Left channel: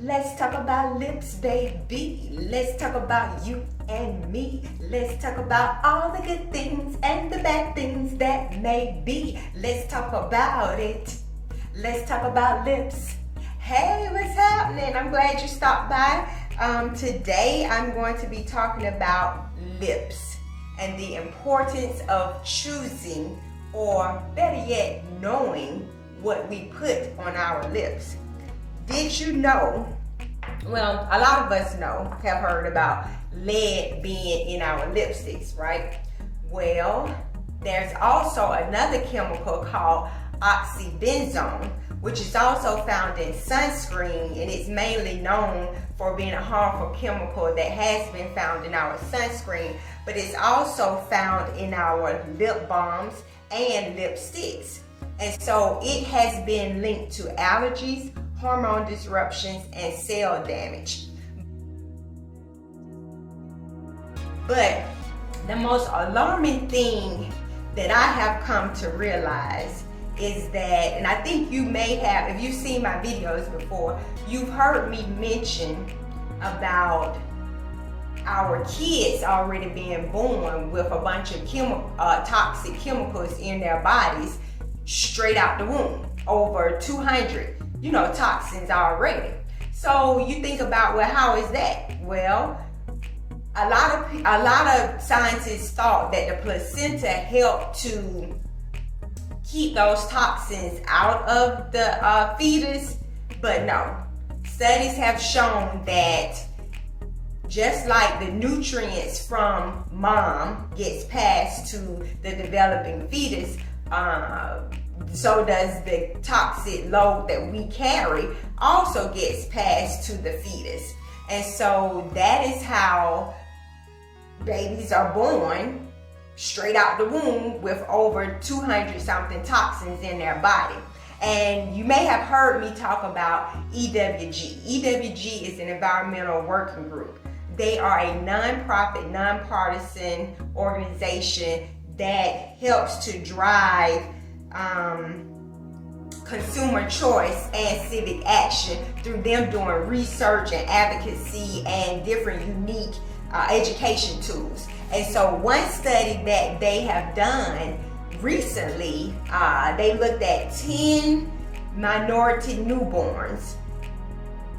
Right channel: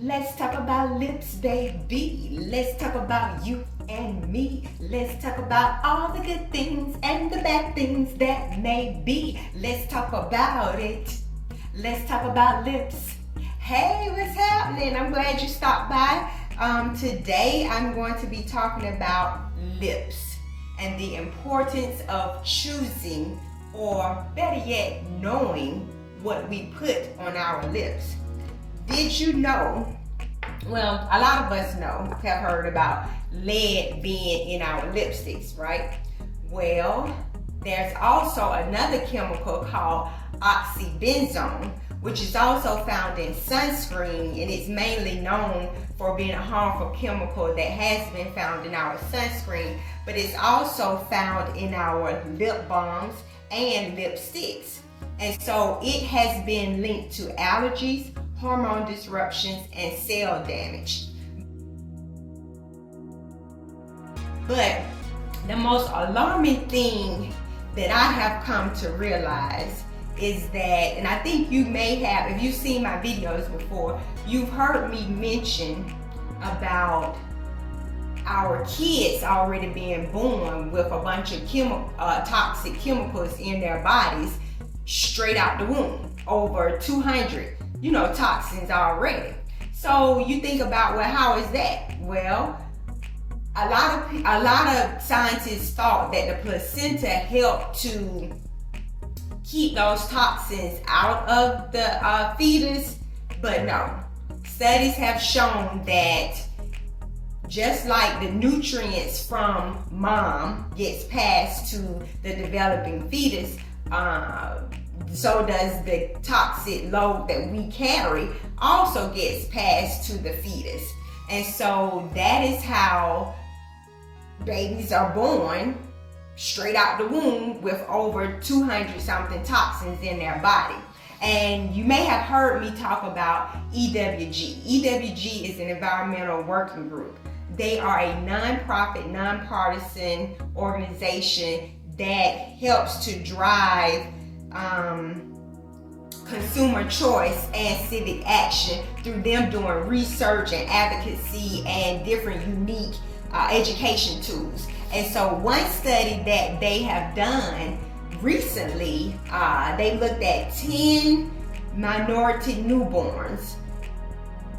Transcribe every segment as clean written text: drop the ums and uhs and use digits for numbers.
Let's talk about lips, baby. Let's talk about you and me. Let's talk about all the good things and the bad things that may be. Let's talk about it. Let's talk about lips. Hey, what's happening? I'm glad you stopped by. Today I'm going to be talking about lips and the importance of choosing, or better yet, knowing what we put on our lips. Did you know, well, a lot of us have heard about lead being in our lipsticks, right? Well, there's also another chemical called oxybenzone, which is also found in sunscreen, and it's mainly known for being a harmful chemical that has been found in our sunscreen, but it's also found in our lip balms and lipsticks. And so it has been linked to allergies, hormone disruptions, and cell damage. But the most alarming thing that I have come to realize is that, and I think you may have, if you've seen my videos before, you've heard me mention about our kids already being born with a bunch of toxic chemicals in their bodies straight out the womb, over 200 toxins already. So you think about, well, how is that? Well, a lot of scientists thought that the placenta helped to keep those toxins out of the fetus, but no. Studies have shown that just like the nutrients from mom gets passed to the developing fetus, so does the toxic load that we carry also gets passed to the fetus. And so that is how babies are born straight out the womb with over 200 something toxins in their body. And you may have heard me talk about EWG. EWG is an environmental working group. They are a non-profit, nonpartisan organization that helps to drive consumer choice and civic action through them doing research and advocacy and different unique education tools. And so one study that they have done recently, they looked at 10 minority newborns,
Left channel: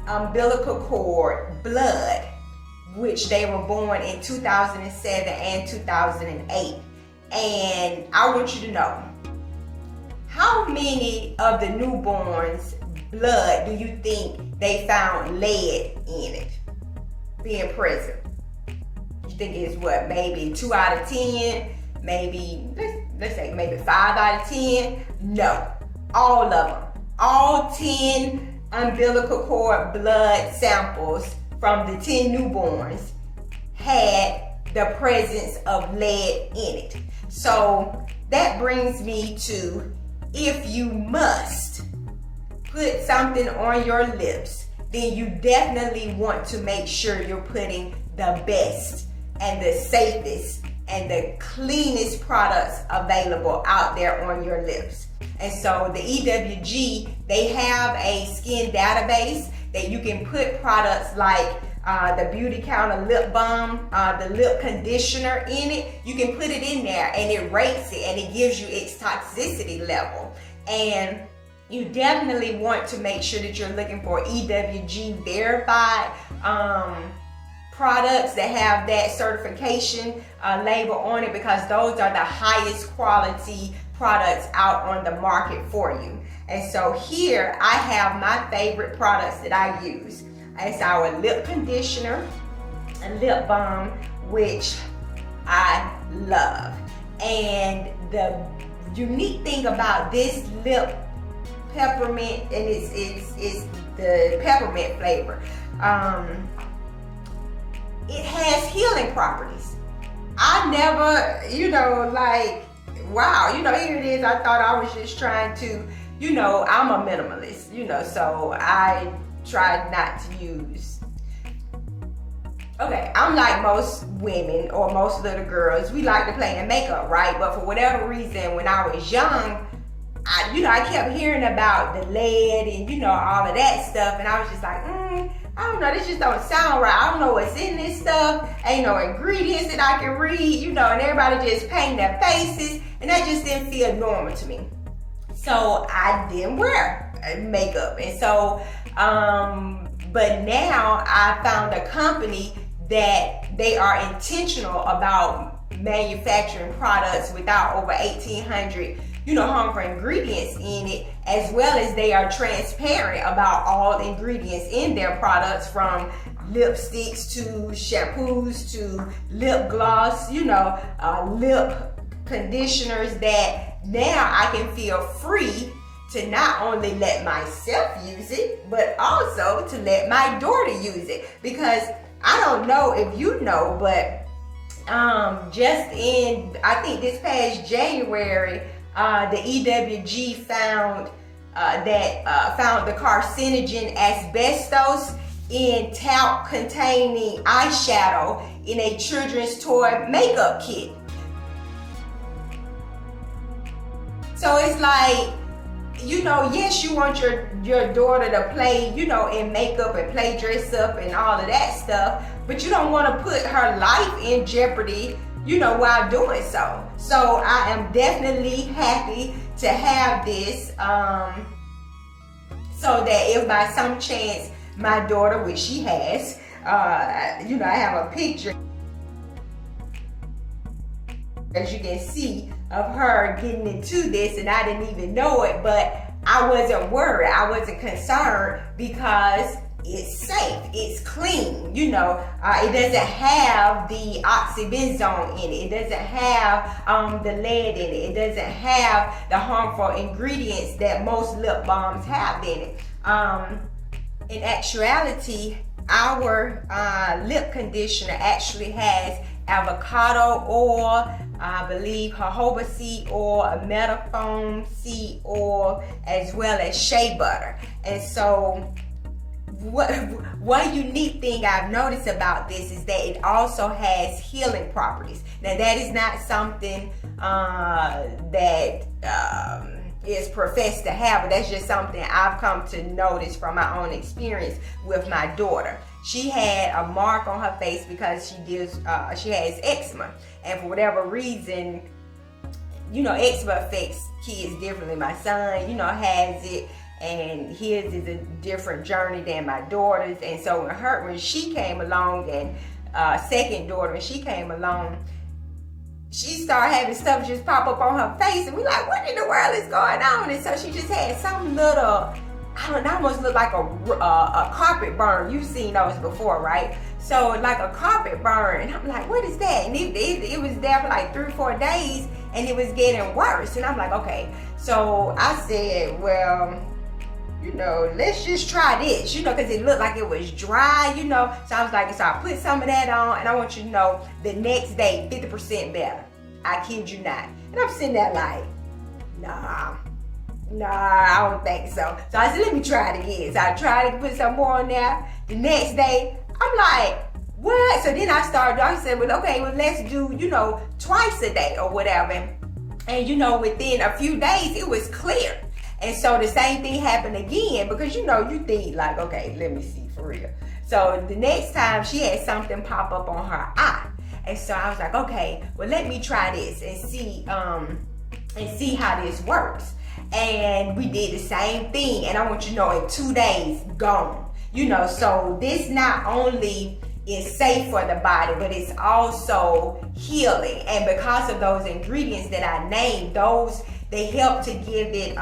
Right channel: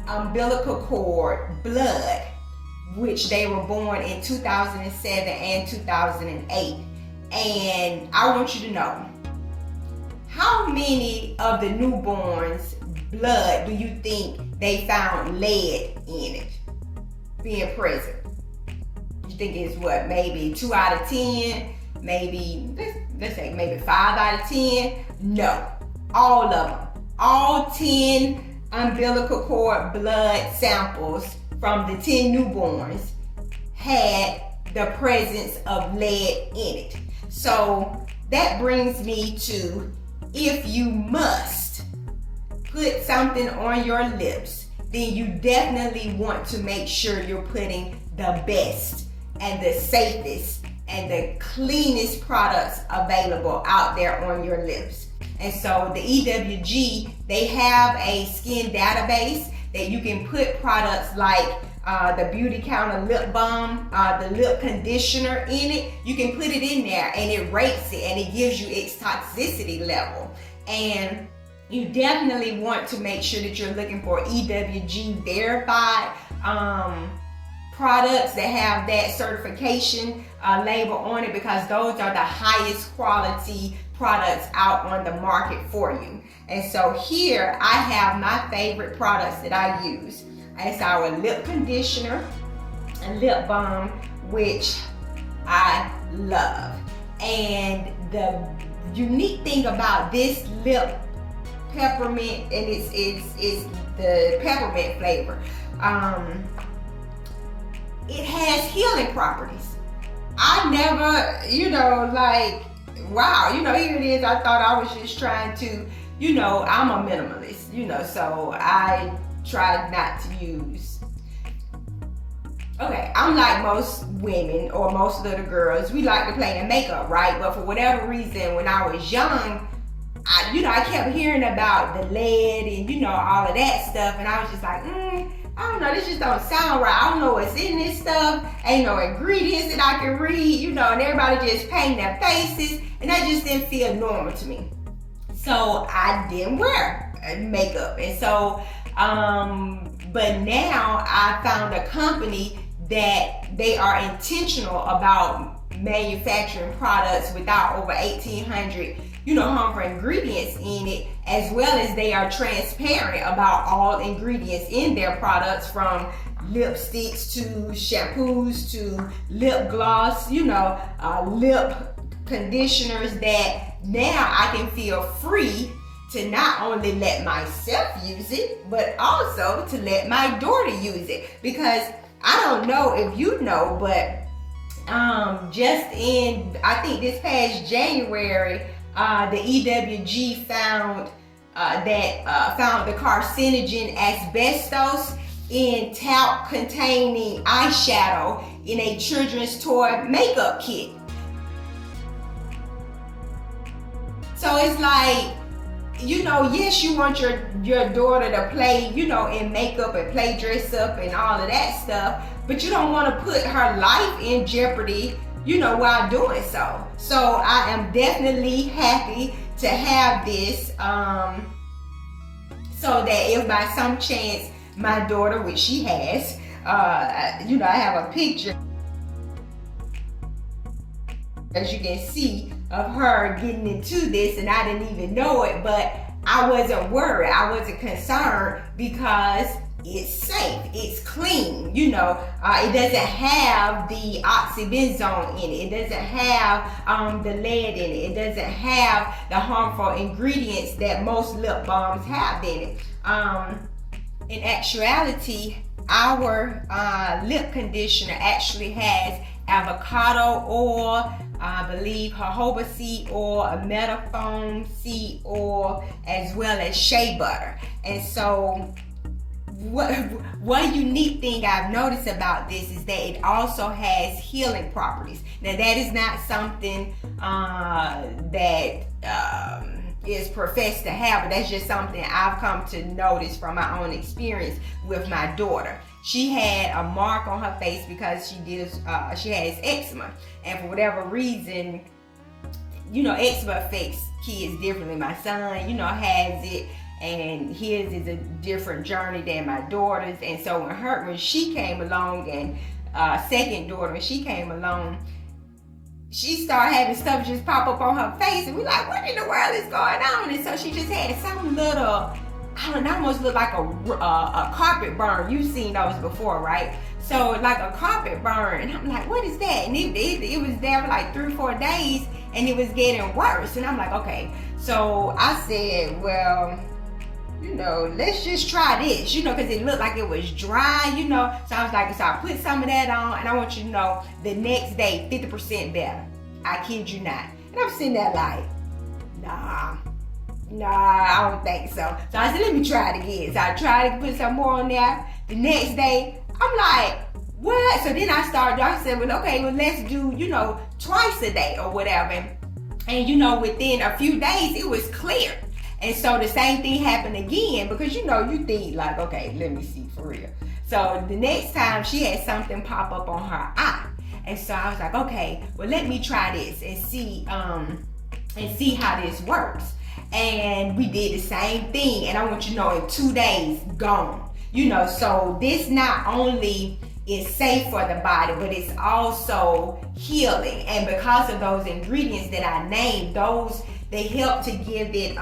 umbilical cord blood, which they were born in 2007 and 2008. And I want you to know, how many of the newborns' blood do you think they found lead in it being present? You think it's what, maybe 2 out of 10? Maybe, let's say maybe 5 out of 10? No, all of them. All 10 umbilical cord blood samples from the 10 newborns had the presence of lead in it. So that brings me to, if you must put something on your lips, then you definitely want to make sure you're putting the best and the safest and the cleanest products available out there on your lips. And so the EWG, they have a skin database that you can put products like the Beautycounter lip balm, the lip conditioner in it. You can put it in there and it rates it and it gives you its toxicity level. And you definitely want to make sure that you're looking for EWG verified products that have that certification label on it, because those are the highest quality products out on the market for you. And so here I have my favorite products that I use. It's our lip conditioner and lip balm, which I love. And the unique thing about this lip peppermint, and it's the peppermint flavor, it has healing properties. I never, wow, here it is. I thought I was just trying to, I'm a minimalist, so I tried not to use. Okay, I'm like most women or most little girls, we like to play in makeup, right? But for whatever reason, when I was young, I kept hearing about the lead and all of that stuff, and I was just like, I don't know, this just don't sound right. I don't know what's in this stuff. Ain't no ingredients that I can read, and everybody just painting their faces, and that just didn't feel normal to me. So I didn't wear makeup. And so, but now I found a company that they are intentional about manufacturing products without over 1,800 harmful ingredients in it, as well as they are transparent about all ingredients in their products, from lipsticks to shampoos to lip gloss, lip conditioners, that now I can feel free to not only let myself use it, but also to let my daughter use it. Because I don't know if you know, but just in, I think this past January, the EWG found found the carcinogen asbestos in talc containing eyeshadow in a children's toy makeup kit. So it's like, yes, you want your daughter to play, in makeup and play dress up and all of that stuff, but you don't want to put her life in jeopardy, while doing so. So I am definitely happy to have this, so that if by some chance my daughter, which she has, I have a picture, as you can see, of her getting into this, and I didn't even know it, but I wasn't worried. I wasn't concerned because it's safe, it's clean, it doesn't have the oxybenzone in it, it doesn't have the lead in it, it doesn't have the harmful ingredients that most lip balms have in it. In actuality, our lip conditioner actually has avocado oil, I believe jojoba seed oil, a metaphone seed oil, as well as shea butter. And so one unique thing I've noticed about this is that it also has healing properties. Now that is not something that is professed to have, but that's just something I've come to notice from my own experience with my daughter. She had a mark on her face because she has eczema, and for whatever reason, eczema affects kids differently. My son, has it, and his is a different journey than my daughter's. And so when she came along, and second daughter, when she came along, she started having stuff just pop up on her face, and we like, what in the world is going on? And so she just had some little, I don't know, almost looked like a carpet burn. You've seen those before, right? So like a carpet burn, and I'm like, what is that? And it was there for like 3 or 4 days, and it was getting worse. And I'm like, okay. So I said, well, let's just try this, because it looked like it was dry, So I was like, so I put some of that on, and I want you to know, the next day, 50% better. I kid you not. And I'm sitting there like, nah, I don't think so. So I said, let me try it again. So I tried to put some more on there. The next day, I'm like, what? So then I said, well, okay, well, let's do, twice a day or whatever. And within a few days, it was clear. And so the same thing happened again, because you think like, okay, let me see for real. So the next time she had something pop up on her eye. And so I was like, okay, well, let me try this and see how this works. And we did the same thing, and I want you to know, in 2 days, gone. So this not only is safe for the body, but it's also healing. And because of those ingredients that I named, they help to give it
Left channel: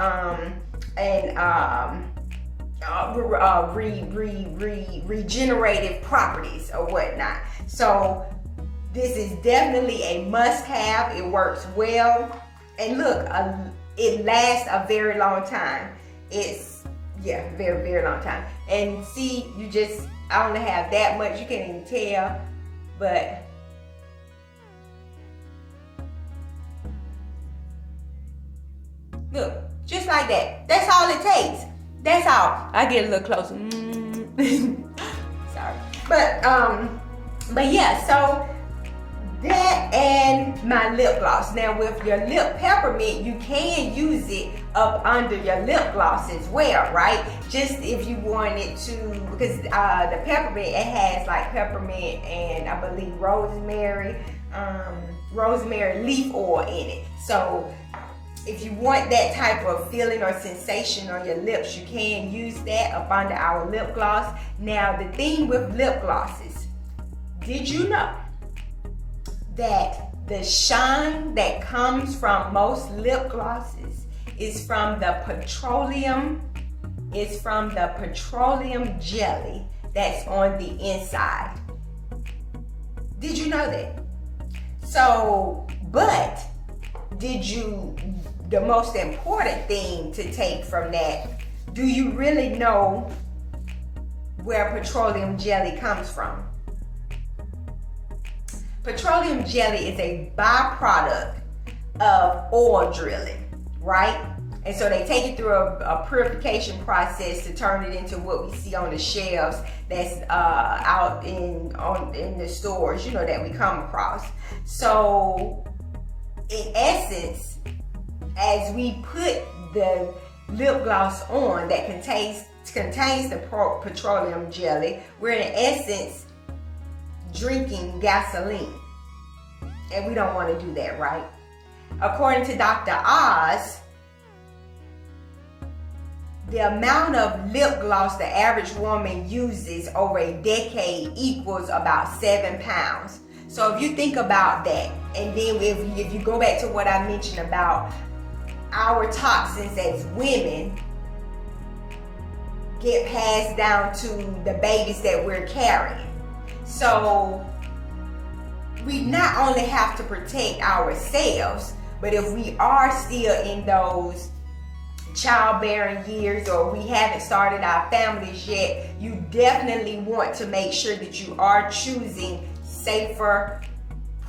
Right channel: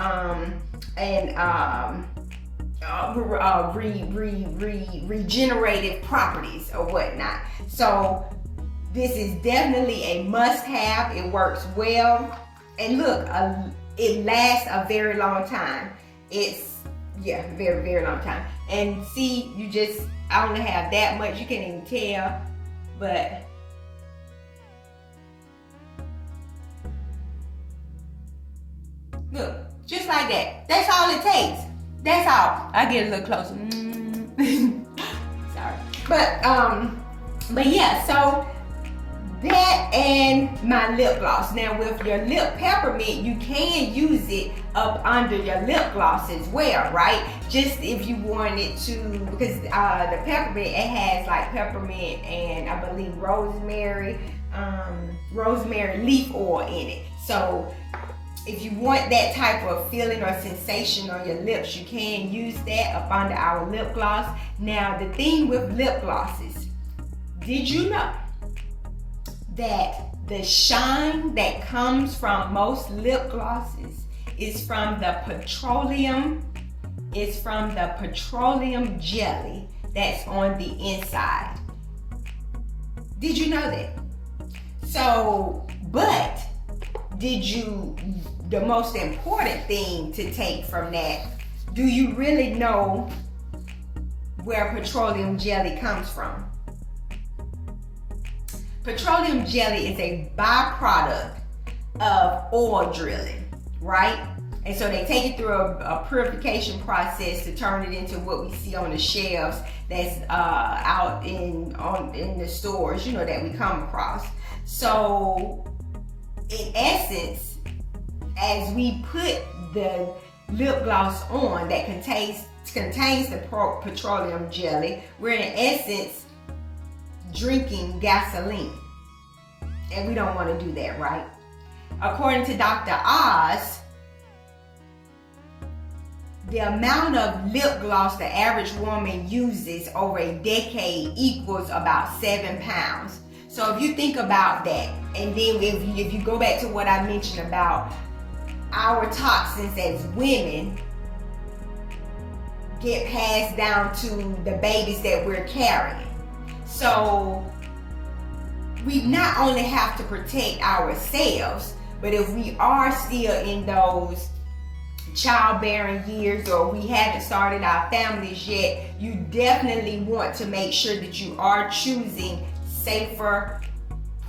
regenerative properties or whatnot. So this is definitely a must-have. It works well, and look, it lasts a very long time. It's very, very long time. And see, I only have that much. You can't even tell, but look, just like that. That's all it takes. That's all. I get a little closer. Sorry. But yeah, so that and my lip gloss. Now with your lip peppermint, you can use it up under your lip gloss as well, right? Just if you wanted to, because the peppermint, it has like peppermint and I believe rosemary leaf oil in it. So if you want that type of feeling or sensation on your lips, you can use that up under our lip gloss. Now the thing with lip glosses, did you know that the shine that comes from most lip glosses is from the petroleum jelly that's on the inside? Did you know that? So, but the most important thing to take from that, do you really know where petroleum jelly comes from? Petroleum jelly is a byproduct of oil drilling, right? And so they take it through a purification process to turn it into what we see on the shelves that's out in the stores, you know, that we come across. So in essence, as we put the lip gloss on that contains the petroleum jelly, we're in essence drinking gasoline. And we don't want to do that, right? According to Dr. Oz, the amount of lip gloss the average woman uses over a decade equals about 7 pounds. So if you think about that, and then if you go back to what I mentioned about our toxins as women get passed down to the babies that we're carrying. So we not only have to protect ourselves, but if we are still in those childbearing years or we haven't started our families yet, you definitely want to make sure that you are choosing safer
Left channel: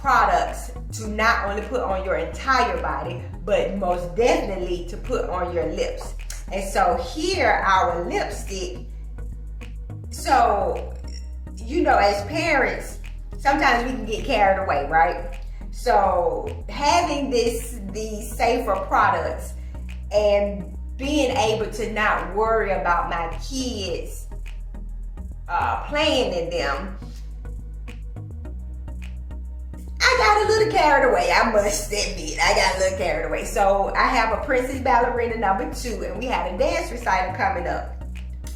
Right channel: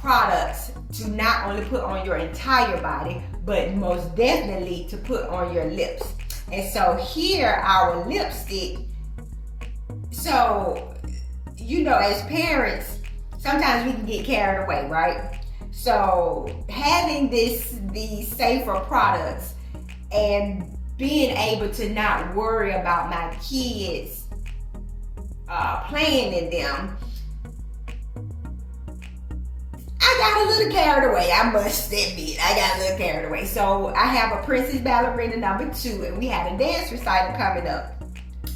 products to not only put on your entire body, but most definitely to put on your lips. And so here, our lipstick, so, you know, as parents, sometimes we can get carried away, right? So having these safer products and being able to not worry about my kids playing in them, I got a little carried away, I must admit. I got a little carried away. So I have a Princess Ballerina #2, and we had a dance recital coming up.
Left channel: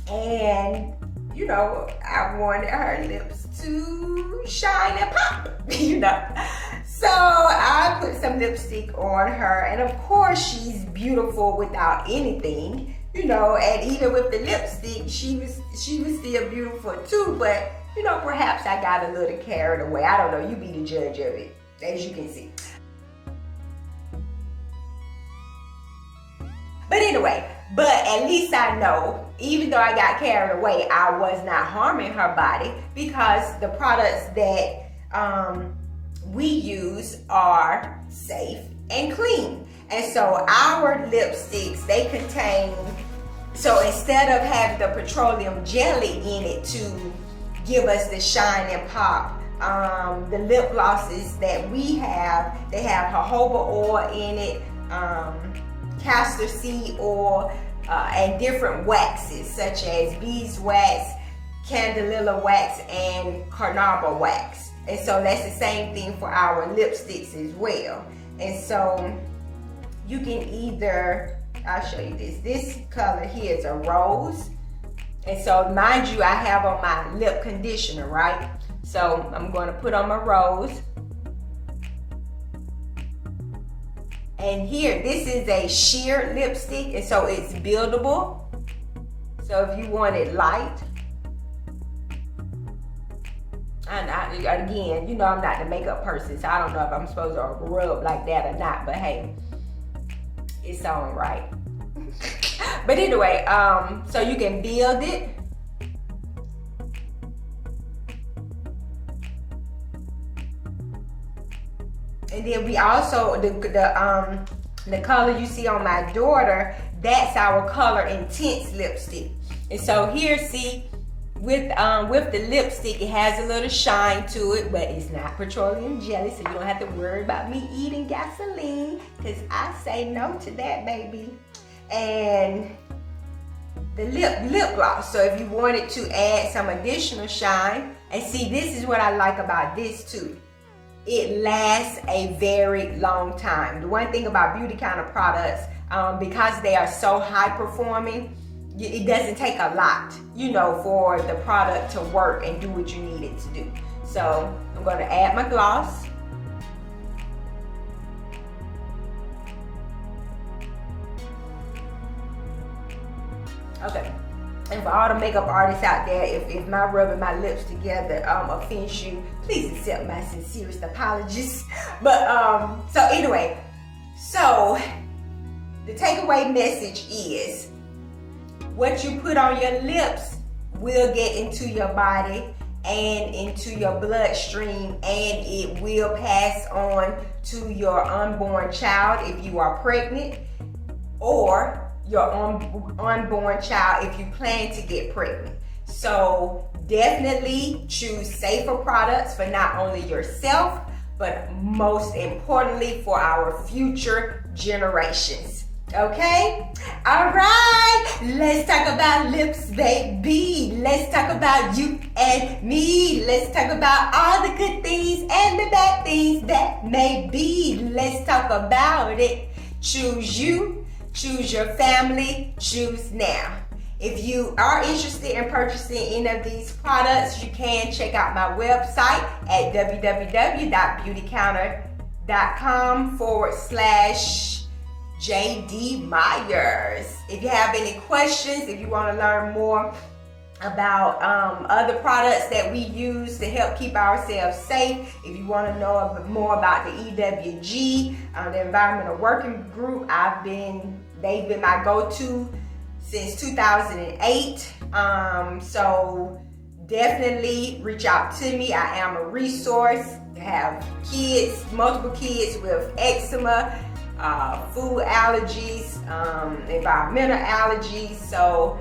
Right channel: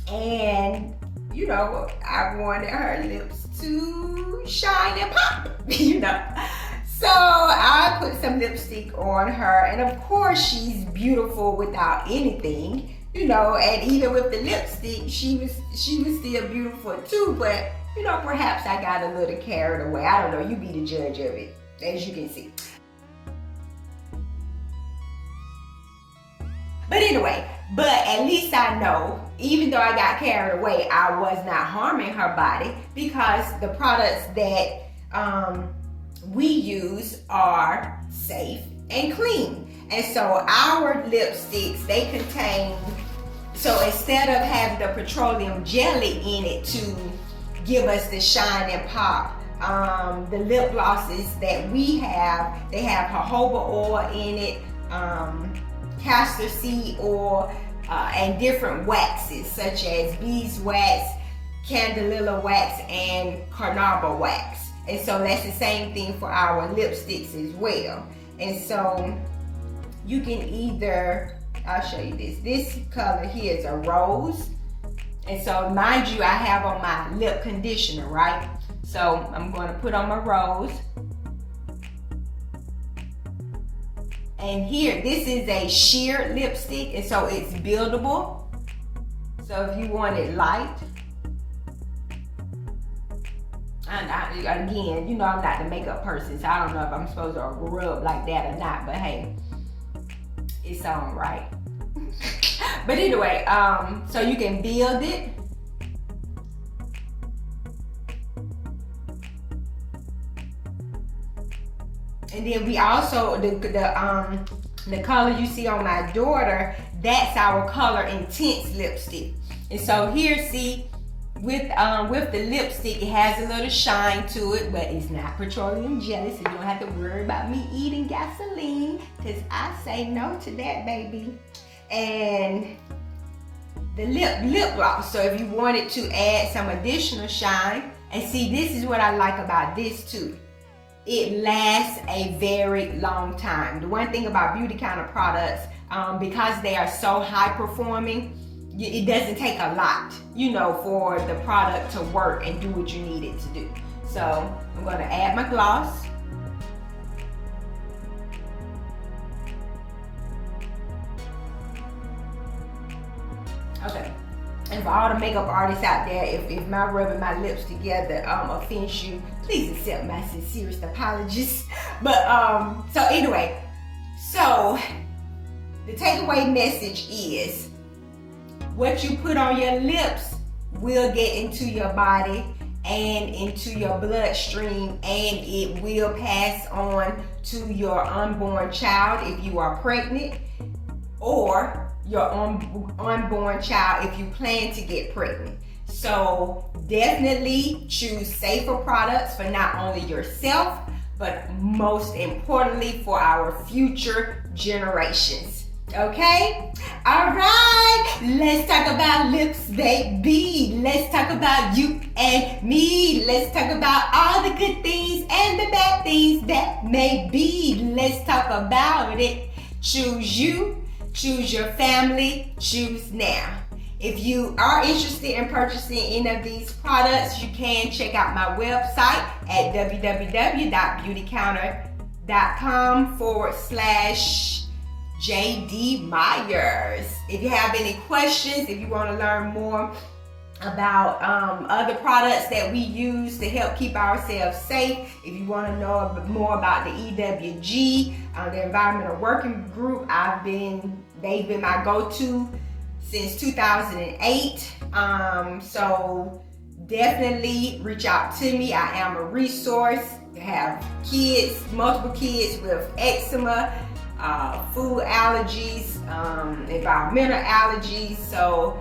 And, you know, I wanted her lips to shine and pop, you know. So I put some lipstick on her, and of course she's beautiful without anything, you know, and even with the lipstick, she was still beautiful too, but you know, perhaps I got a little carried away. I don't know, you be the judge of it, as you can see. But anyway, but at least I know, even though I got carried away, I was not harming her body because the products that we use are safe and clean. And so our lipsticks, they contain, so instead of having the petroleum jelly in it to give us the shine and pop, the lip glosses that we have, they have jojoba oil in it, castor seed oil, and different waxes such as beeswax, candelilla wax, and carnauba wax. And so that's the same thing for our lipsticks as well. And so you can either, I'll show you this. This color here is a rose. And so mind you, I have on my lip conditioner, right? So I'm going to put on my rose. And here, this is a sheer lipstick, and so it's buildable. So if you want it light, and again, you know I'm not the makeup person, so I don't know if I'm supposed to rub like that or not, but hey, it's all right. But anyway, so you can build it. And then we also, the color you see on my daughter, that's our Color Intense lipstick. And so here, see, with the lipstick, it has a little shine to it, but it's not petroleum jelly, so you don't have to worry about me eating gasoline, because I say no to that, baby. And the lip gloss. So if you wanted to add some additional shine, and see, this is what I like about this too. It lasts a very long time. The one thing about Beautycounter products, because they are so high performing, it doesn't take a lot, for the product to work and do what you need it to do. So I'm going to add my gloss. Okay. And for all the makeup artists out there, if my rubbing my lips together offends you, please accept my sincerest apologies. But so anyway, so the takeaway message is, what you put on your lips will get into your body and into your bloodstream, and it will pass on to your unborn child if you are pregnant, or your unborn child if you plan to get pregnant. So definitely choose safer products for not only yourself, but most importantly for our future generations. Okay? All right. Let's talk about lips, baby. Let's talk about you and me. Let's talk about all the good things and the bad things that may be. Let's talk about it. Choose you. Choose your family. Choose now. If you are interested in purchasing any of these products, you can check out my website at www.beautycounter.com/JD Myers. If you have any questions, if you want to learn more about other products that we use to help keep ourselves safe, if you want to know more about the EWG, the Environmental Working Group, they've been my go-to since 2008. So definitely reach out to me. I am a resource. I have multiple kids with eczema, food allergies, environmental allergies. So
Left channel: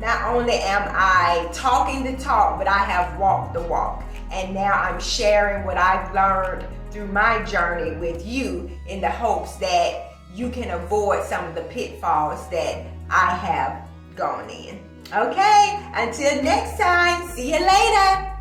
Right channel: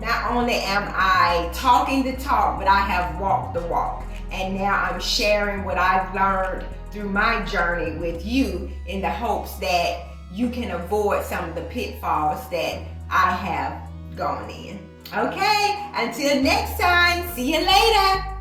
not only am I talking the talk, but I have walked the walk. And now I'm sharing what I've learned through my journey with you in the hopes that you can avoid some of the pitfalls that I have gone in. Okay, until next time, see you later.